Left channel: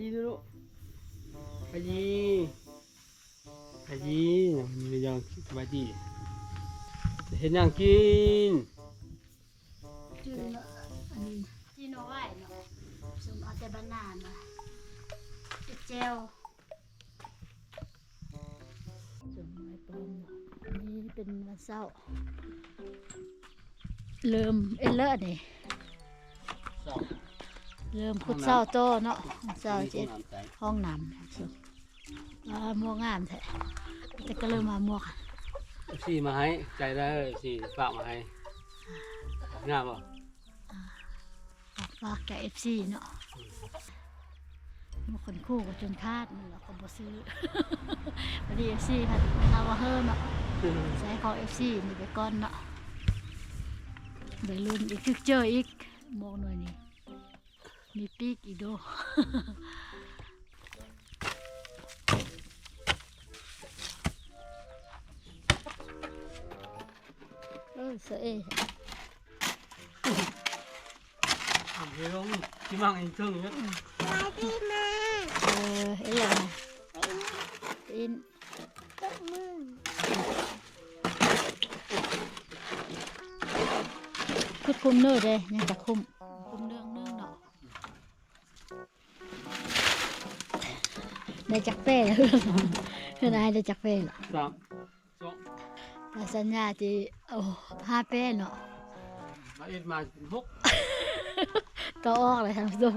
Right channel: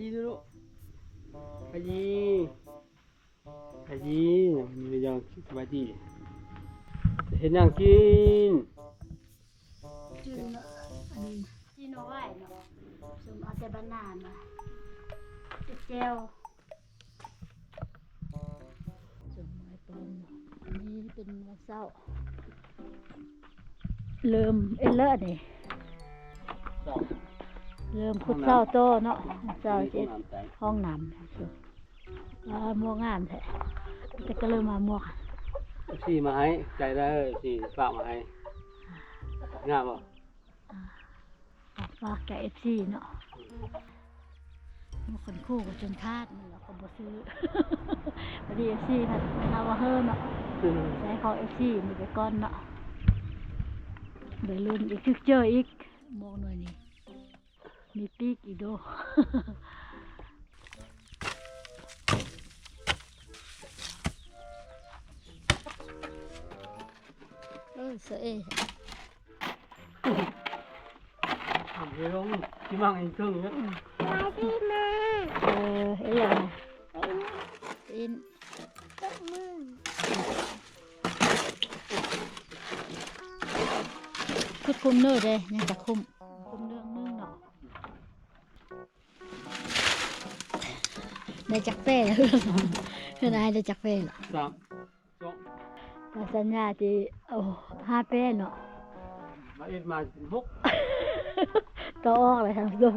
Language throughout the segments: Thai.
ดีดูลูกไปดีมีอย่างสบายดีเห็นอย่างกินจืนอันนี้จีโนไว้เนาะสมเอาแต่บานนามาเจลสมไม้ปลอมเนาะอันนี้เป็นวันเสาร์เริ่มเลอะนี่เริ่มขุดเสาโตเนาะเสาเจ็ดห้องน้ำสิมัวงามแท้แต่ก็เริ่มมามัวค่ะ สี่มาให้ใจได้สี่ฝากมาให้งามป่ะฝากแกFC เนาะมันคนคู่กับจนคาดมันเราก็บ่ซื้อพอดี FC ผัดเอาว่าเฮิร์เนาะใช้ของ FC นี่ไปก่อนเนาะเดี๋ยวลุ้นอีกทึกเจออีกมองหน่อยนี่มีปีกอีกโดเสยเดี๋ยวลงที่มั่งอีกครึ่งนึงมาดีมาเอ้ยอะไรอินตบมือคือคุมเนื้อเลยยังจะคุมเรื่องนึงเนาะได้จักเป้แล้วเพื่อนายได้จักเป้หรอ3 2สัญญาที่5 เป้เนาะมาเอ็ดมา6ก็ออกเลยท่านผู้ชม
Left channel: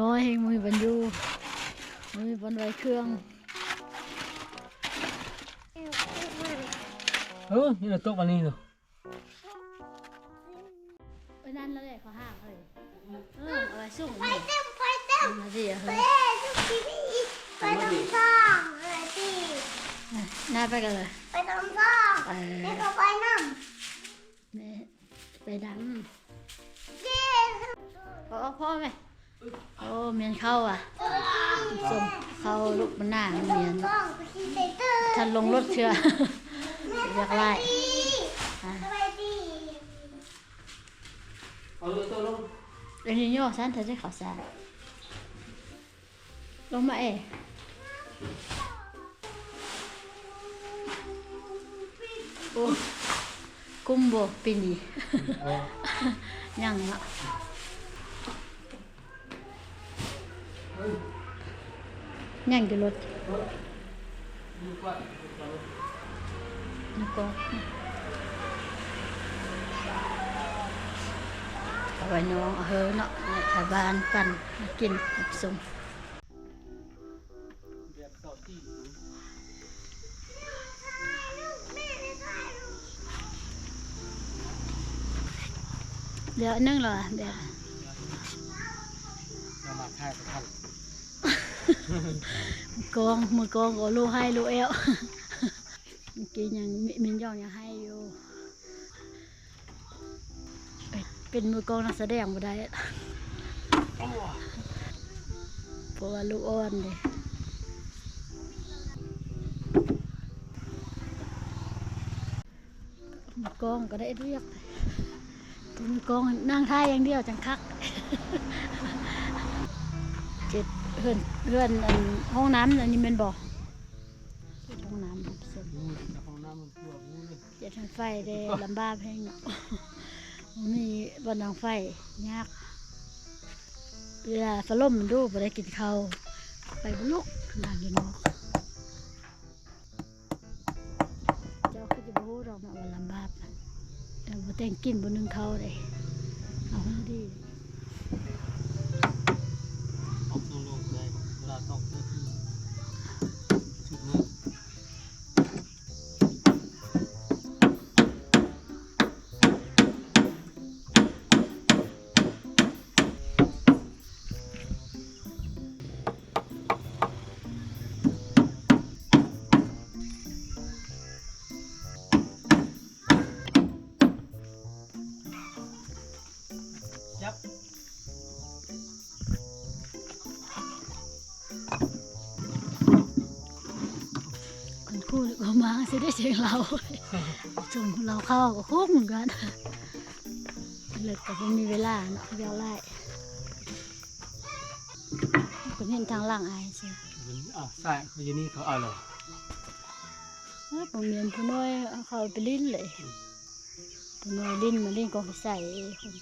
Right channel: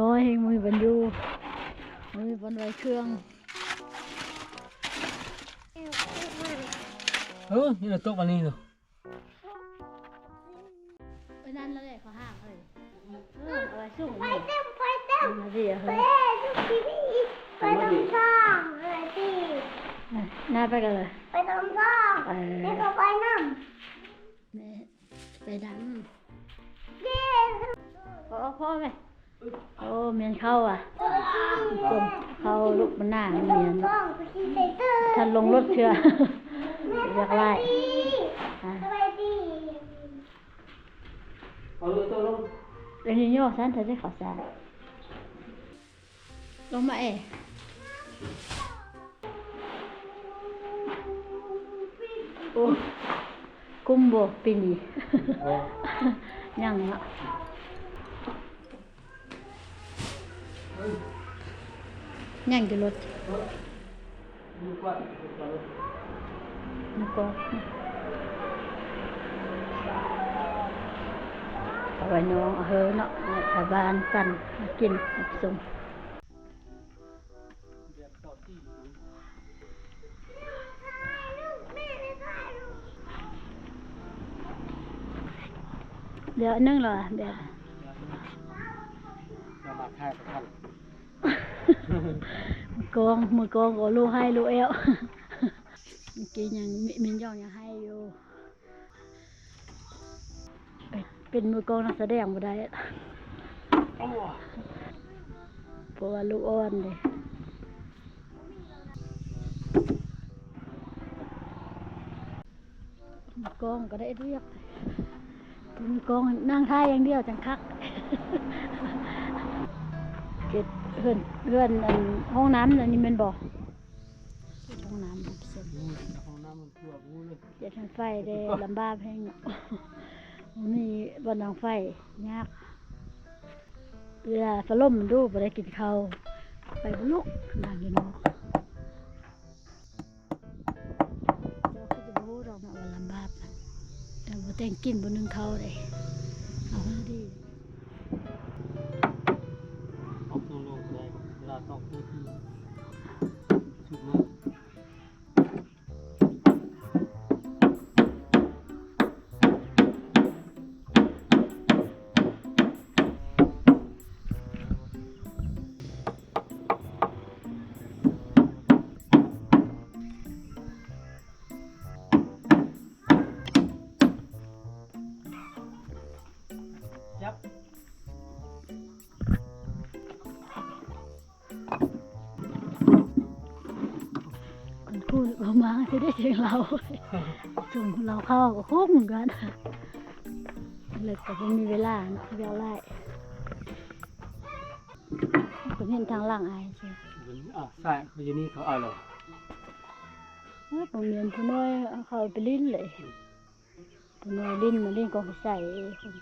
น้อยให้มือบรรยูมือบรรไว้เครื่องนี่เราตกวันนี้เหรอไปนั่นแล้วเลยเขาห้ามเลยเอาไว้สุ่มไฟเต็มมาดิเฮ้ยไปน้ำซ่องเลยพี่น่าไปกันเลยไปน้ำซ่องนี่ก็ไปน้ำนี่ไปดำเย้พ่อไหมโอ้เมียนเข้าอ่ะส่งเข้าลูกมันหน้าเมียนท่านลงรถเชื่ออยากไล่เรื่องนี้โย่ฉันเธอจะขอสารลงมาโอ้กุ้มโบปีนี้ยังเนาะยังอยู่รถแล้วก็เอาไว้น้องเฮ้เนาะชาวบ้านปั่นมากินส่งเดี๋ยวนึ่งเหรอเดี๋ยวมาถ่ายกับท่านมือกองก็ลูกให้ลูกเอวเมื่อกี้ยังมินย่องยังให้อยู่เป็นมือกองนักแสดงบ่ได้เพราะว่าลูกอ่อนเลยมือกองก็ได้เรียกมือกองนั่งท่าอย่างเดียวจังคักเจ็ดเพื่อนห้องน้ำอันนี้มันบอกห้องน้ำเสร็จห้องน้ำมันปวดงูเลยเจ็ดทางไฟได้ลำบากแห้งมีบนทางไฟยากเวลาฝนล่มดูไปได้กินข้าวไปบุลุกนางอยู่นอกเจ้าก็จะพูดออกมาว่าลำบากแต่บ่แต่งกินบนนึงเขาเลยเอาให้ดีต้องคือสุดมือ มาสิได้เสียงเราจุ่มเราเข้าก็โค้งเหมือนกันเลิกแต่ไม่มีเวลาเนาะเดี๋ยวไล่ก็ เห็นทางหลังอายสิ มันใส่เขาอยู่นี่เขาเอาเลย ผมเรียนผู้น้อยเอาเขาไปลิ้นเลยผู้น้อยลิ้นมาลิ้นก็ไปใส่คน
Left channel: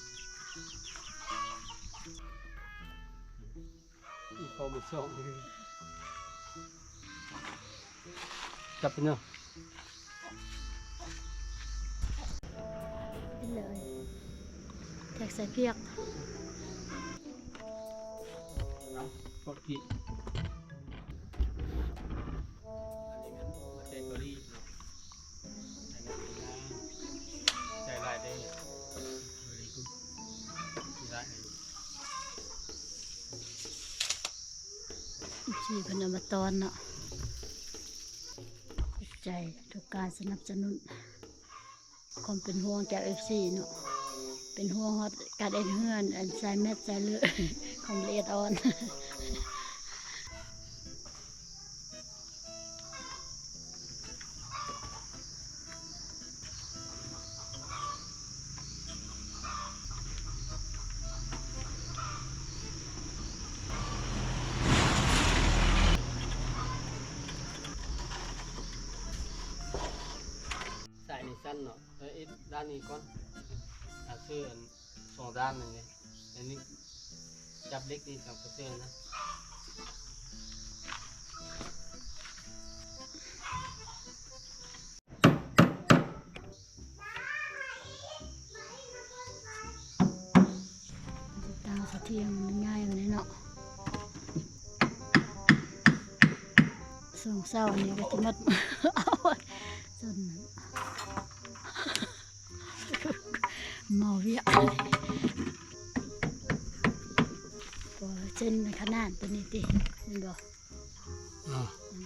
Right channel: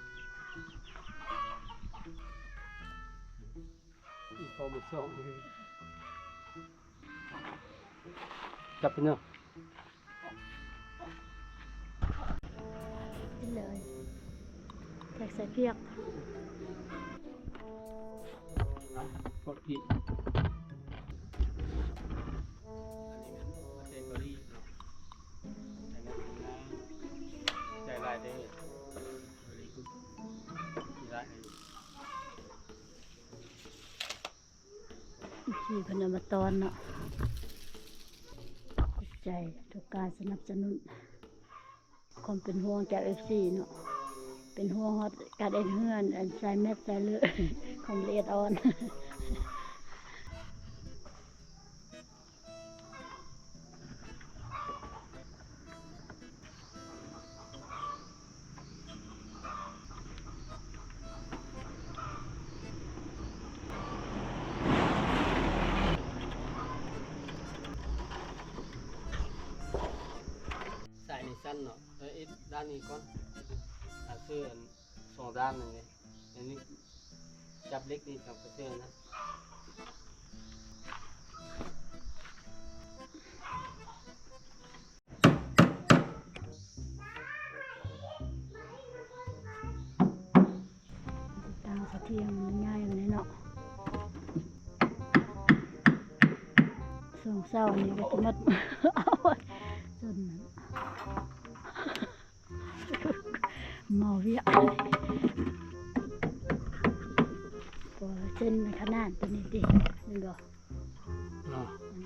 อีพอมาส่งเลยจับไปเนาะ ลิ้นเลยแทกใส่เพียก กดผิดอันนี้มันมาเตเกอรี่เนาะใจลายได้very good ได้ ชีพนมตอนเนาะขอบใจทุกการสนับสนุนความเป็นห่วงจาก FC เนาะเป็นห่วงฮอดการเอ็นเฮือนอันใส่เม็ดใส่เลือด ของละเอียดอ่อน ใส่ในสั้นเนาะแล้วไอ้ด้านนี้ก่อนเสื้อสองด้านนึงเลยอันนี้จับเล็กนี่กับเสื้อนะ ตามเขาเทียมมันง่ายอยู่เลยเนาะส่งเศร้านี่ก็จะมัด เอาจนเมาเวียก็เส้นในขนาดตัวนี้ดิเห็นบ่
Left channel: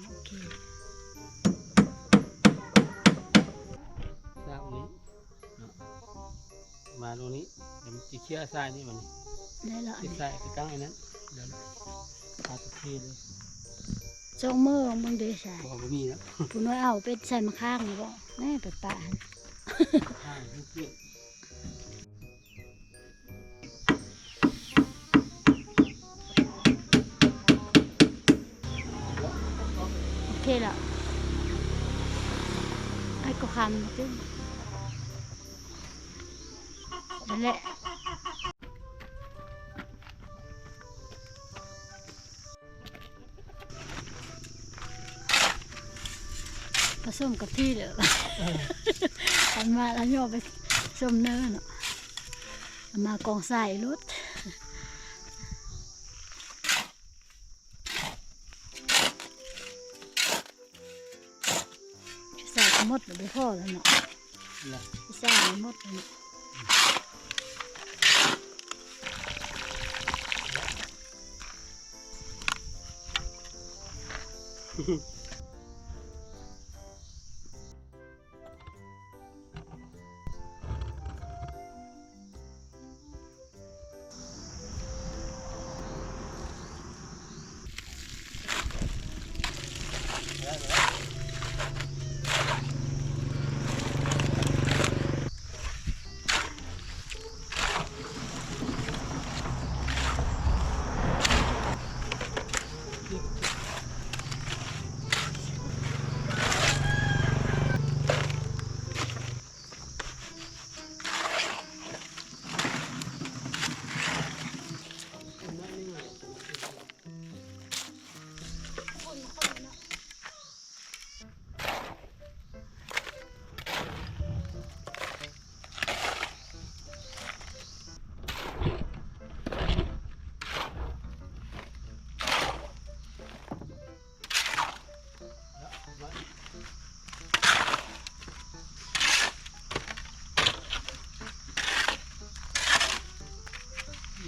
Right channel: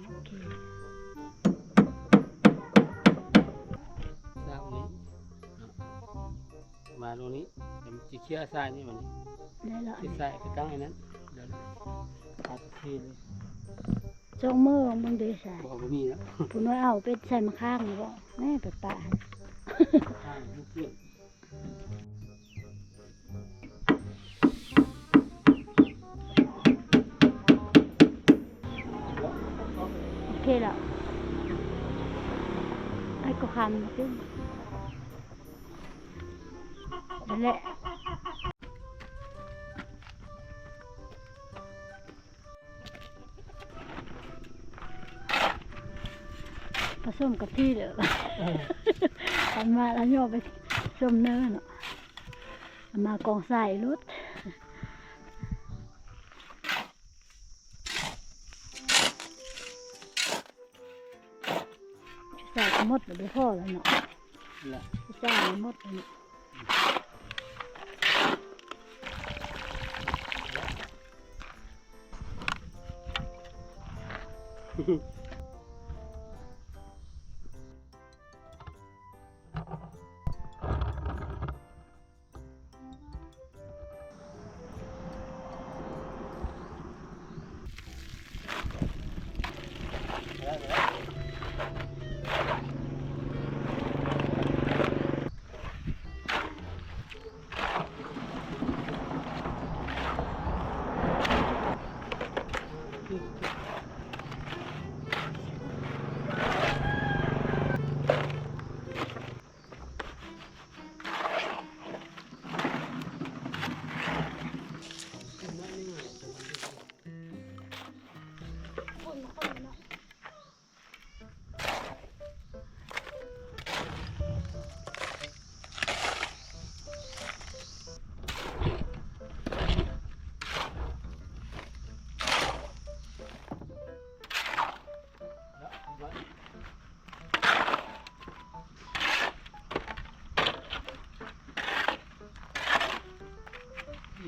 โอเค ด้านนี้เนาะมาตรงนี้เดี๋ยวมันจะเคลียร์ทรายนี่มัน ได้ละ ติดทรายไปกลางไอ้นั้นเดี๋ยวพาตะเคียนเลย ช่องมือของมึงดีใส่ พอไม่มีแล้ว ผู้น้อยเอาเป็ดใส่มาข้างนี่บ่แม่ไปป่า ข้างลูกเกี้ยน โอเคแล้วไอ้ก็คำขึ้นนั่นแหละผสมกับที่เด้อเอามาแล้วโยกไปส้มเนื้อเนาะเอามากองใส่รถใส่ก็หมดเลยพ่อแล้วเนาะ นั่นแหละ ใส่หมดเลยเนาะ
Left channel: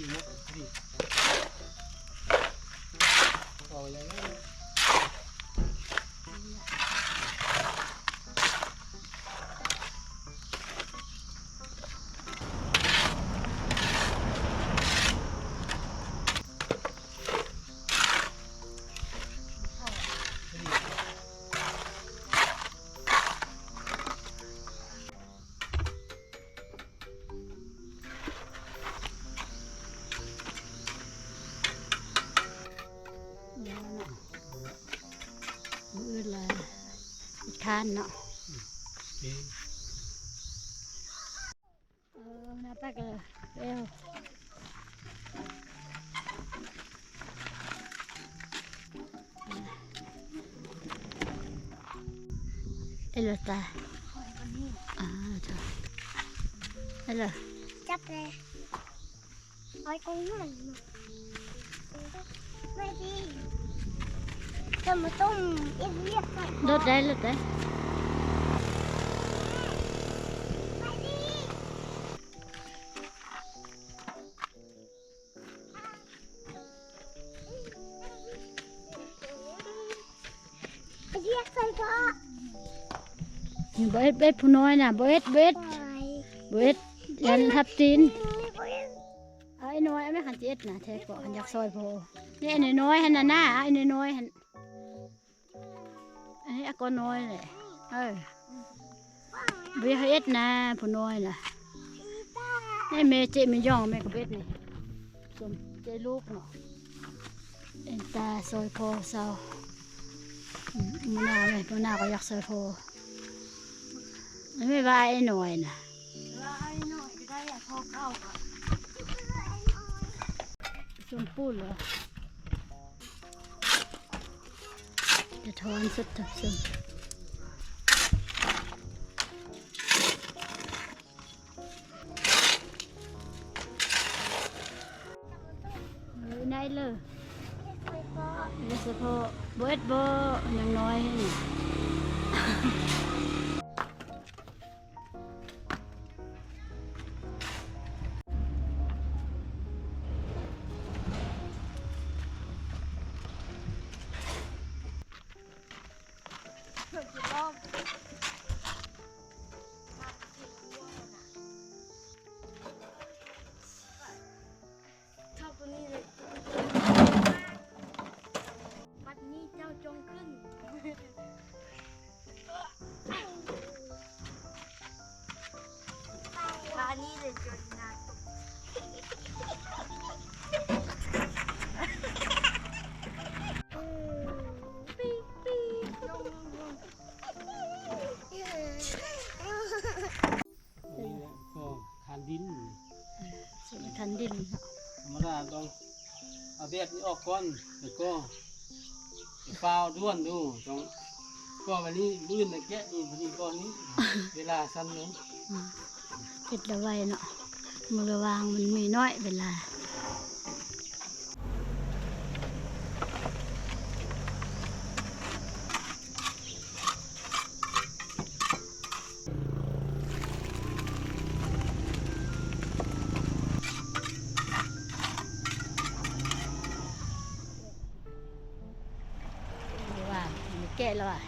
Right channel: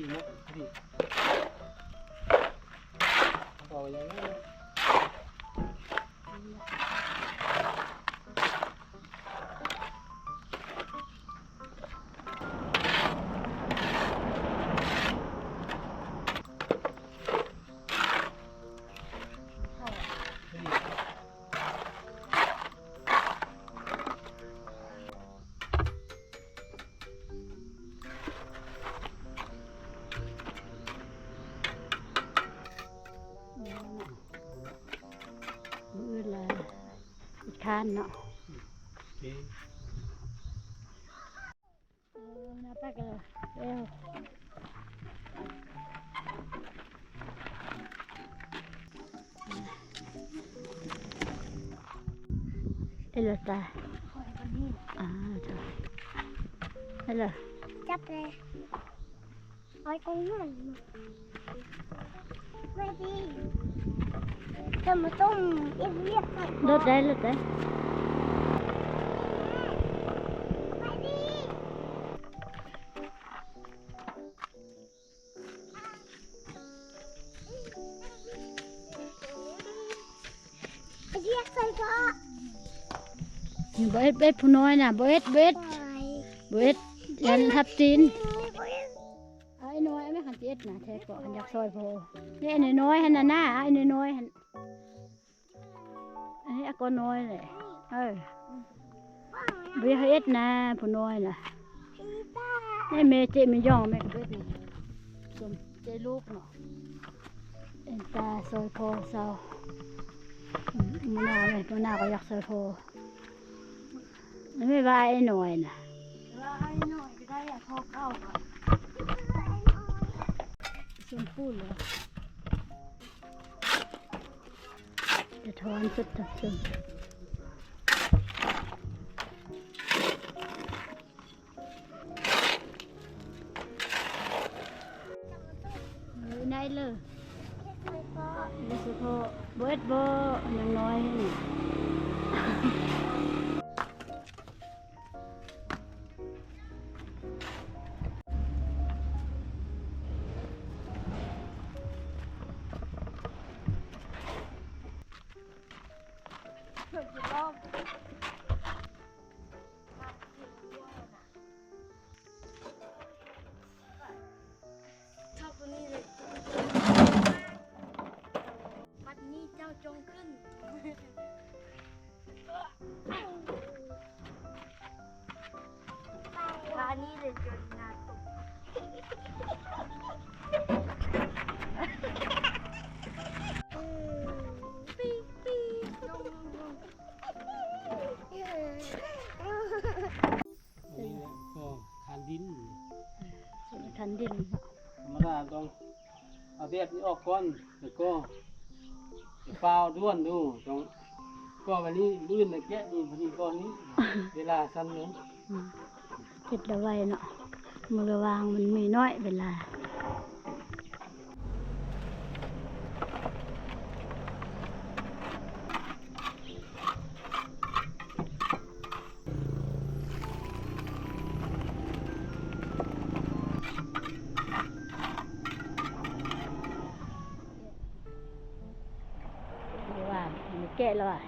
ดีนะดีพอยังไง เ ทานเนาะ นี่ นาตักเลยเอวเอลตาจ้ะเอล จับเลยเอาตรงนั้นไม่ดีจะมาต้มเรียบใส่ ลดได้ ไม่ดีเรียกใส่ก็ เบ็ดผู้น้อยน่ะเบ็ด ไป ยันทับตีนไอ้น้อยไม่ขันเจ็ดนะแท้ก็ขันอยากซอยโพนี่ไอ้น้อยหันน่ะหน้าไอ้น้อยหันไอ้อากน้อยเลยเบียเอ็ดนะผู้น้อยน่ะนี่เมเจไม่ย่องแม่กับเบ็ดนี่สมเจลูกเนาะเอ็นตาซอยโพเศร้ามันน่าไหมมันน่าก็อยากซอยโพไม่ว่าไอ้น้อยน่ะชมพูเหรอจะทอนสุดทับซึมได้เลยนี่เฉพาะเบิดบ่ยังน้อยนี่ ชอบตัวนี้เลยบัดนี้เจ้าจงขึ้นร้านนี้เลยจนนาตกปีปีลง อันนี้ก็คานดิน สิทันดิน ธรรมดาต้องเอาเบ็ดนี้ออกก่อนแล้วก็เปล่าด้วนดูต้องก็วันนี้มื้อนะแกะนี่พอดีก่อนนี้เวลาสั้นลง เก็ดละไว้เนาะมือวางมันมีน้อยเวลาว่ามันแก่แล้วอ่ะ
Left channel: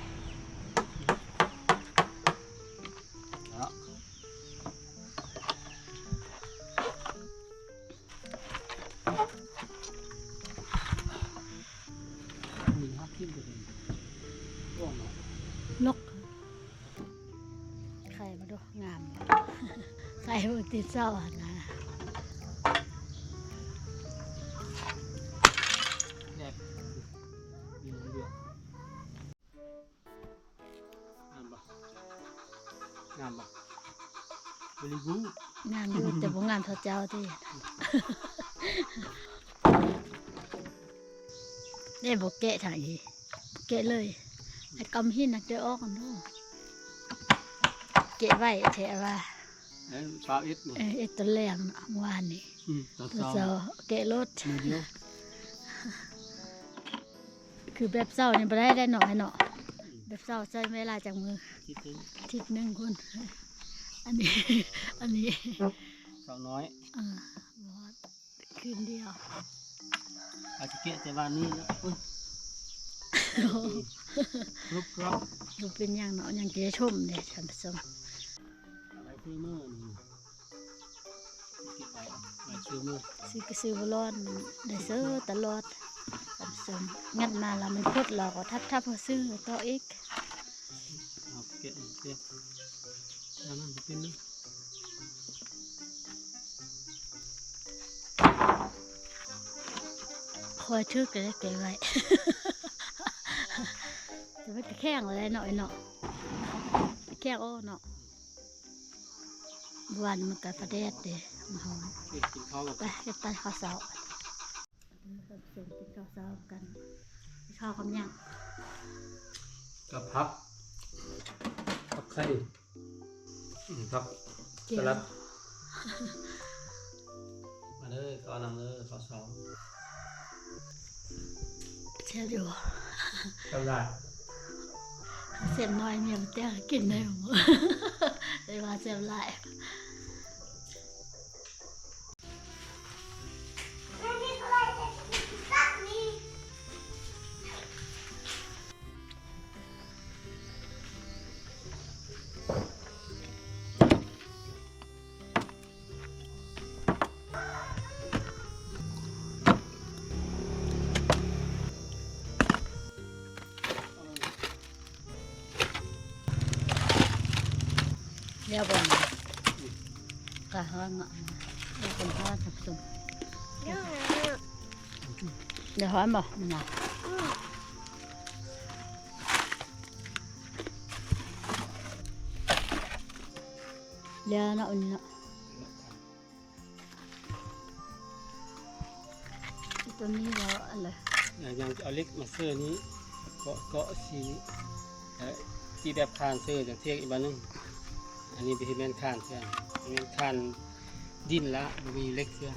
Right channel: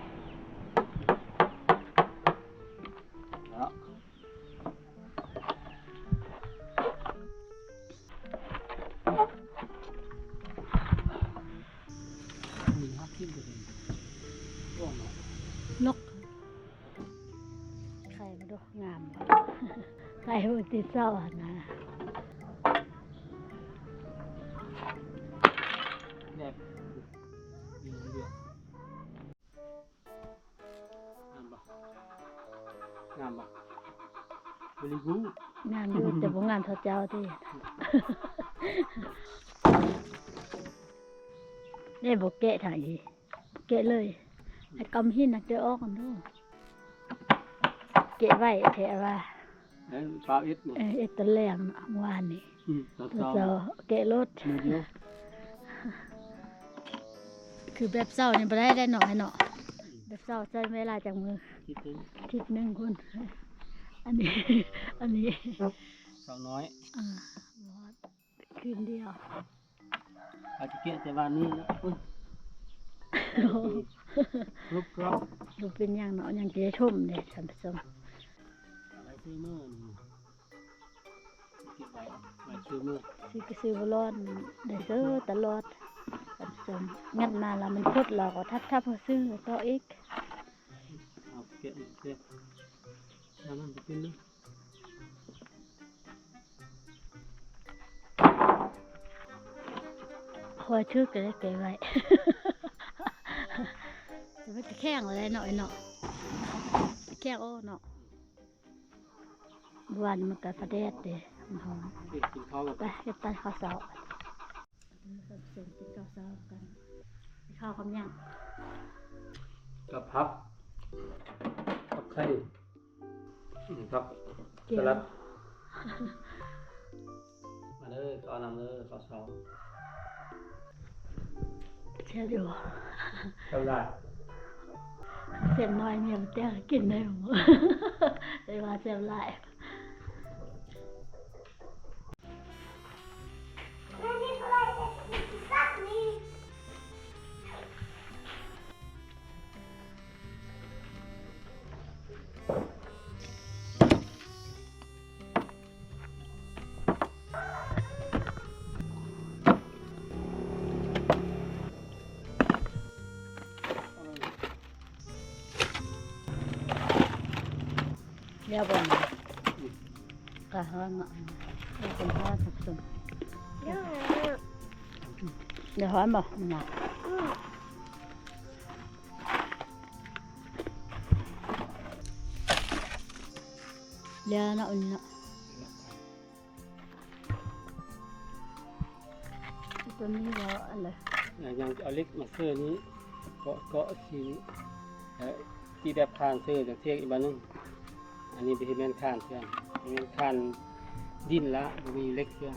แล้วมีฮักขึ้นไปเลยร่วงเนาะ นกไข่มาดูงาม ไข่มันติดเศร้าอะนะ แดกมีเดือดงามปะงามปะบริบูรณ์ งามอยู่แต่บ่งามเท่าเจ้าที่ ได้บ่แกะถ่ายอีแกะเลยไอ้กำหินนักเดออกกันดูแกะไว้แท้ว่า แล้วปลาเอ็ดเนี่ย เอ็ดตะแรงเนาะเมื่อวานนี้ ตอน ตัว เช้า เจ้าแกะรถ มือเดียว คือแบบเศร้านี่บ่ได้หน่อยเนาะแบบเศร้าใช้เวลาจากมือ คิดถึง อาทิตย์หนึงคนอันนี้ อันนี้ สาวน้อย บอดคืนเดียว อาจจะเกะแต่วันนี้นะอุ้ยรูปกรอบ ดูเป็นอย่างเนาะอย่างเจ๊ชมเนี่ยท่านผู้ชม อะไรซื้อเมื่อนี่เก็บไว้ไว้ซื้อเมื่อ ซื้อก็ซื้อบ่รอดได้ซื้อตลอดท่านผู้ชมงัดมาแล้วมันพดเราก็ทับพอซื้อต่ออีก เอาเกะเกะแล้วมันจะเป็นเนื้อ คอยทึกก็ได้เก็บไว้ แต่มันก็แข็งอะไรหน่อยเนาะ แค่โอ้เนาะวันมันก็ประเดดเด้มันหอม กินข้าวกับ ไปเฮ็ดใต้ข้าวเสาผสมกินข้าวเสากันข้าวคำยัง กับพักไข่พัก เจี ส ยว ลัดมาเลยก็นำเลยข้าวซอย เชียวอยู่ กำลัง เส้นน้อยเมียมันเตี้ยกินได้หมดเลยว่าเสียบหลาย ไม่มีอะไรจะสักนี้ เรียบร้อยกะฮ้อนเนาะเดี๋ยวคนทอดผสม เรื่องอะไรอ่ะ เดี๋ยวฮ้อนบ่มันน่ะเดี๋ยวเนาะอันนี้เนาะตัวนี้เราอะไร ยังเอาเล็กมาเสื้อนี้เกาะสีนี้สีแบบคานเสื้อจากเทียกอีกบ้านนึงอันนี้เป็นแมนคานเสื้อแมนคานดินละมีเล็กเสื้อ